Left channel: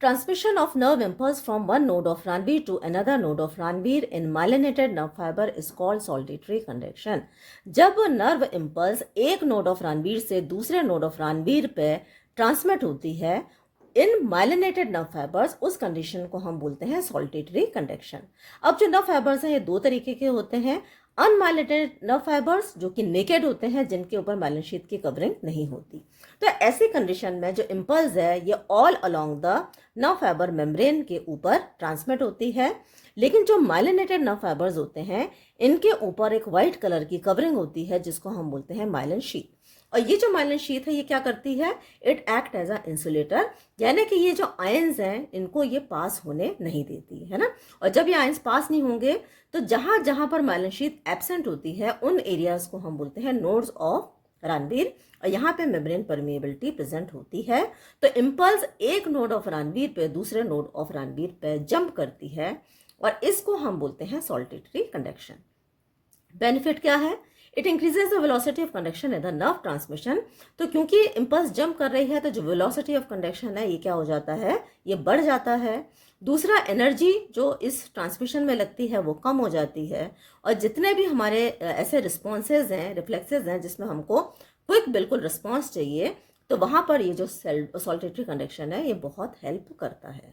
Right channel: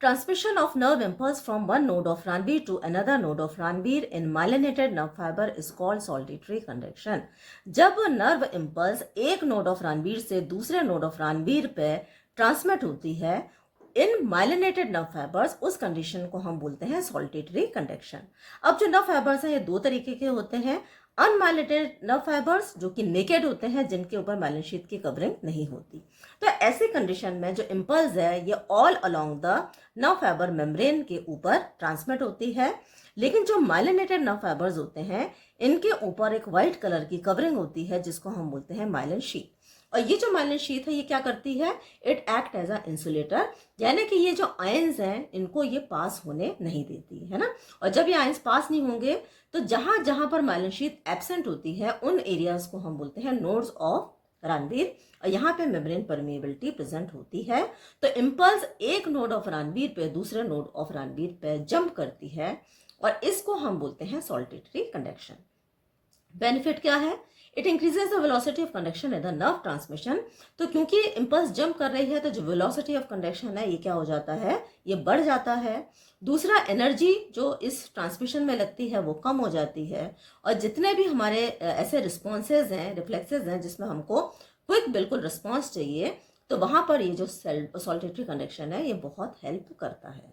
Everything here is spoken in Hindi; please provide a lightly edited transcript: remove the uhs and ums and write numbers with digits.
Transmission of nerve impulse from one node of Ranvier to another node of Ranvier in myelinated nerve fiber is called solitary conduction. जब नर्व इम्पल्स एक नोड ऑफ रणवीर से दूसरे नोड ऑफ रणवीर पे ट्रांसमिट होती है इन माइलिनेटेड नर्व फाइबर्स, उस कंडीशन को हम बोलते हैं सॉल्टेटरी कंडक्शन। अब जो नर्व फाइबर्स हैं ये दो तरीके के होते हैं। अनमाइलिनेटेड नर्व फाइबर्स जो कि नेकेड होते हैं, जिनके ऊपर माइलिन शीथ की कवरिंग नहीं होती। तो ऐसी कंडीशन में जो इम्पल्स है ये all along the nerve fibre membrane के ऊपर ट्रांसमिट होती है। लेकिन जो माइलिनेटेड नर्व फाइबर्स होते हैं इनके ऊपर एक व्हाइट कलर की कवरिंग होती है जिसको हम बोलते हैं माइलिन शीथ। और ये जो माइलिन शीथ है ये क्या करती है, it act as a insulator, यानी कि ये जो आयंस हैं इनको ये पास होने नहीं देती है ना। और जब ये आयंस पास नहीं होंगे तो जहां जहां पर माइलिन शीथ एब्सेंट होती है उन एरियाज को हम बोलते हैं नोड्स ऑफ रणवीर, और यहाँ पे मेम्ब्रेन परमेबिलिटी प्रेजेंट होती है। तो इम्पल्स एक नोड ऑफ रणवीर पे दूसरे नोड ऑफ रणवीर पे जंप करती है और इसको हम बोलते हैं सॉल्टेटरी कंडक्शन। बेनिफिट क्या है, it increases the velocity of conduction in the nerve transmission. तो क्योंकि इम्पल्स जंप कर रही है तो जो वेलोसिटी ऑफ कंडक्शन है ये क्या हो जाता है, ये बढ़ जाता है। दूसरा, एनर्जी जो इस ट्रांसमिशन में लगती है वो कम हो जाती है। और जितने भी हमारे ऐसे रिस्पॉन्सेज हैं, रिफ्लेक्सेस हैं जिसमें हमको क्विक बिल्कुल रिस्पॉन्स चाहिए, तो वहां पर ये जो सॉल्टेटरी कंडक्शन है ये बहुत हेल्प करता है।